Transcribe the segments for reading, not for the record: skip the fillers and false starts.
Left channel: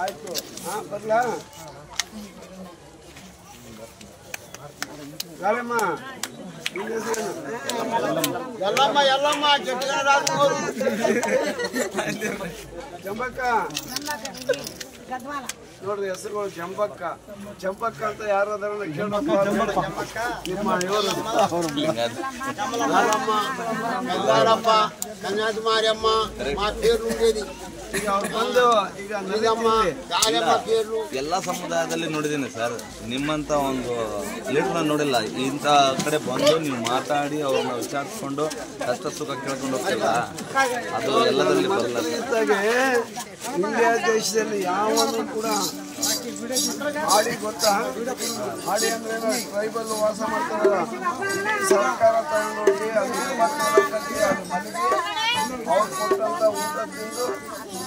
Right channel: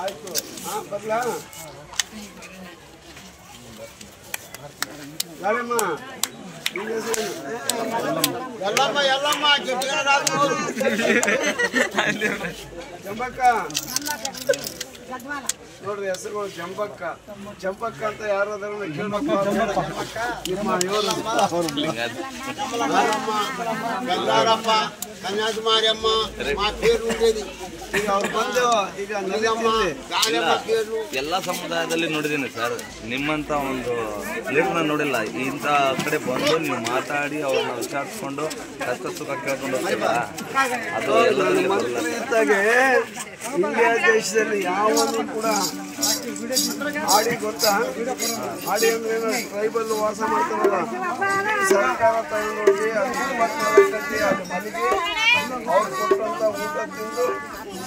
ಆಯ್ತು ಬರ್ಲಾ ಗಾಳಮ್ಮ ಜಂಬಕ್ಕ ನೋಡ್ರಿ ಹೆಸರುಗಳು ಜಂಬಕ್ಕ ಜಂಬಕ್ಕ ಅಂತ ಯಾರಾದ್ರೂ ಕೇಳ್ಬೇಕು ನಿಮ್ಮ ಇವರು ಕನ್ಯಾಕುಮಾರಿಯಮ್ಮ ಈಗ ಅವ್ರು ಬಂದು ಈಗ ಎಲ್ಲ ಸಮುದಾಯದಲ್ಲಿ ನೋಡಿದ್ದೀನಿ ಸರ್. ನಿಮ್ಮಂತ ಒಂದು ಲೀಡರ್ನ ನೋಡಿಲ್ಲ. ಇಂಥ ಕಡೆ ಬಂದು ನೀವು ಮಾತಾಡಿ ಅವ್ರನ್ನ ವಿಚಾರಿಸ್ಕೊಂಡು ಕಷ್ಟ ಸುಖ ಕೇಳ್ಕೊಂಡು ಹೋಗ್ತಿಲ್ಲ. ನಾನು ಮಂತ್ರಿ ಇದ್ದಾಗೆ ಇಂಡಿಯಾ ದೇಶದಲ್ಲಿ ಯಾವನು ಕೂಡ ಆಡಿ ಗೊತ್ತಾ? ಆಡಿ ಅಂದ್ರೆ ಟ್ರೈಬಲ್ ವಾಸ ಮಾಡ್ತಾರಲ್ಲ, ಸರ್ಕಾರ ತಗೊಂಡೋಗಿ ಅದು 24 ಗಂಟೆ ಅದು ಮನೆಗೆ ಅವ್ರು ಕೊಟ್ಟಂತ ಊಟ ತಿಂದು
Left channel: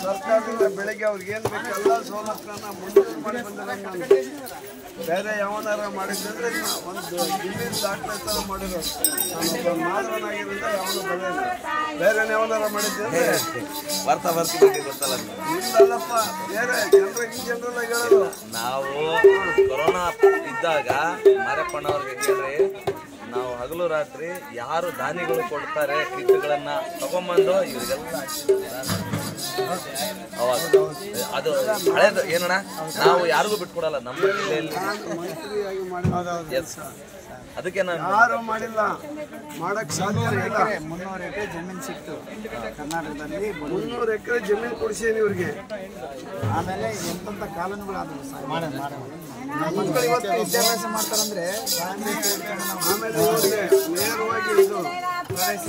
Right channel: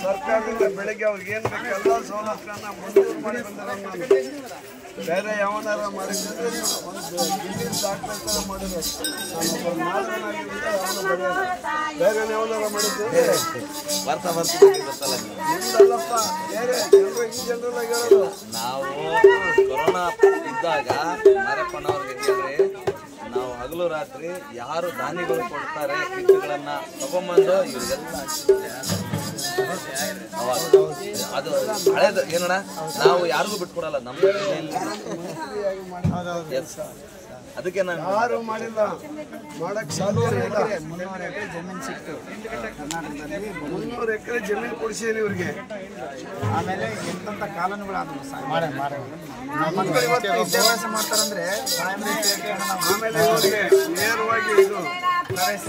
ಸರ್ಕಾರದಿಂದ ಬೆಳಗ್ಗೆ ಅವ್ರಿಗೆ ಏನ್ ಬೇಕೆಲ್ಲ ಸವಲತ್ತನ್ನ ಮಂಜೂರು ಮಾಡಿ ಬಂದಿರೋ ನಾನು. ಬೇರೆ ಯಾವನಾರ ಮಾಡಿದ್ರೆ ಒಂದು ಗಿಲ್ಲಿ ಡಾಕ್ಟರ್ ತರ ಮಾಡಿರೋ ನಾನೊಬ್ಬ ಮಾದರನಾಗಿರೋದ್ರಿಂದ ಯಾವನ ಬರೆಯೋದು. ಬೇರೆ ಯಾವನಾರ ಮಾಡಿದ್ದೆ ಅಂದ್ರೆ ಗೊತ್ತಲ್ಲ ನಿಮ್ದಲ್ಲಪ್ಪ, ಬೇರೆ ಜನರು ಈ ಜನರಲ್ಲ ಹೇಳೋದು. ನಾವು ಕೊರೋನಾ ಇದ್ದಾಗ ಮಾರಪ್ಪನವ್ರಿಗೆ ಹೇಳ್ರಿ, ನಾವು ಹಗಲು ರಾತ್ರಿ ಯಾರು ದಾನಿಗಳು ಕೊಡ್ತಾರೆ ಕಿಟ್ಗಳನ್ನ ತಗೊಂಬಂದು ಇವ್ರಿಗೆಲ್ಲ ಅವಾಗ ಅದು ಹಳೇದು ಏನಣ್ಣ, ನಾವು ಯಾರಿಗೂ ಬಿಟ್ಕೊಡಲ್ಲ ನಮ್ಮ ಜಿಲ್ಲೆಯಲ್ಲಿ. ಮಂತ್ರಿಯಾಗಿ ಮಾಡಿದ ಅದಕ್ಕೆ ನಾನು ಯಾರು ಮಾಡಿಲ್ಲ, ಮಾಡಕ್ ಸಾಧ್ಯ ಇಲ್ಲ. 300 ಎಕರೆ ಜಮೀನು ಸಿಕ್ತು ಕರ್ನಾಟಕದಲ್ಲಿ. 300 ಎಕರೆ ಜಮೀನು ಕೊಡಿಸೇನಿ ಇವ್ರಿಗೆ. ಆಮೇಲೆ ಎಂತ ಕಾಲೋನಿಗಳಾದವು ಮಕ್ಕಳು ಇವತ್ತು ವಿದ್ಯಾಭ್ಯಾಸ ಮಾಡ್ತಾರಂದ್ರೆ ಆಮೇಲೆ ಇವರಿಗೆ ನೇರವಾಗಿ ಇದು ಪ್ರವೇಶ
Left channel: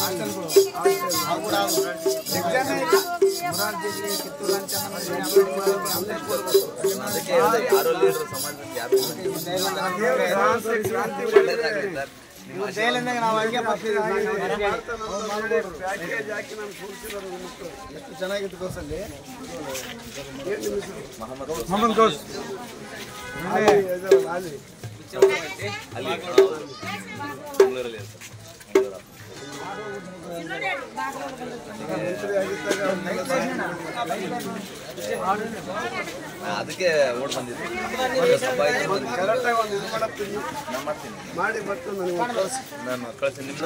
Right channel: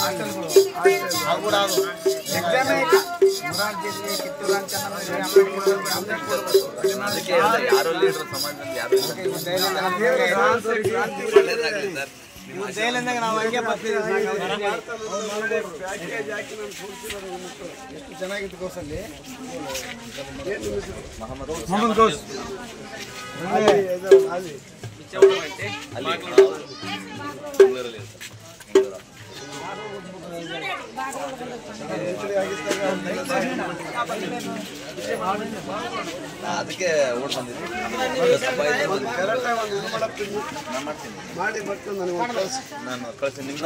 ಹಾಸ್ಟೆಲ್ಗಳು ಎಕ್ಸಾಮೇ ಇಲ್ಲ. ಮೊರಾರ್ಜಿಯಲ್ಲಿ ಕಿತ್ತೂರು ಅಂತ ಅಲ್ಲೇ ಕೊಡ್ಬೇಕು. ಯಾರು ಲೀಡರ್ ಸಮಾಜದಲ್ಲಿ ಯಾರು ಇಲ್ಲ. ಕ್ರಾಂತಿ ಇವ್ರ ಜೈಲಿಂದಾಗ ನಾವು ಹಂಗೆ ಬರ್ತಿದ್ವಿ. ಪ್ಯಾಕೇಜ್ ಹಾಕಿ ನಾನು ಕೂರಿಸಿರೋದು ಮಕ್ಕಳು ಎಷ್ಟು ಚೆನ್ನಾಗಿತ್ತು ಕೋಸಲ್ಲಿ. ಏನು ನಿಮ್ಮ ಹೆಸರು? ಮೊಹಮ್ಮದ್ ಗೌಸ್. ಅಲ್ಲಿ ಇದರಲ್ಲ, ಅಲ್ಲಿ ಬೆಂಗಳೂರಲ್ಲಿ ಮಂತ್ರಿ ಆಗಿದ್ದಾಗ ಅವ್ರಿಗೆಲ್ಲ ಸಹಾಯ ಅದಕ್ಕೆ ಓಟ್ ಬಂದಿದ್ವಿ. ಒಂದು ಕರೆಕ್ಟಾಗಿ ಒಂದು ಇದು ಮಾಡತ್ತೀನಿ ಮಾಡಿ ಬರ್ತೀನಿ. ನನಗೆ ಒಂದು ಕಳಿಸಿ ಕಳಿಸಿ ನಿಮ್ಮ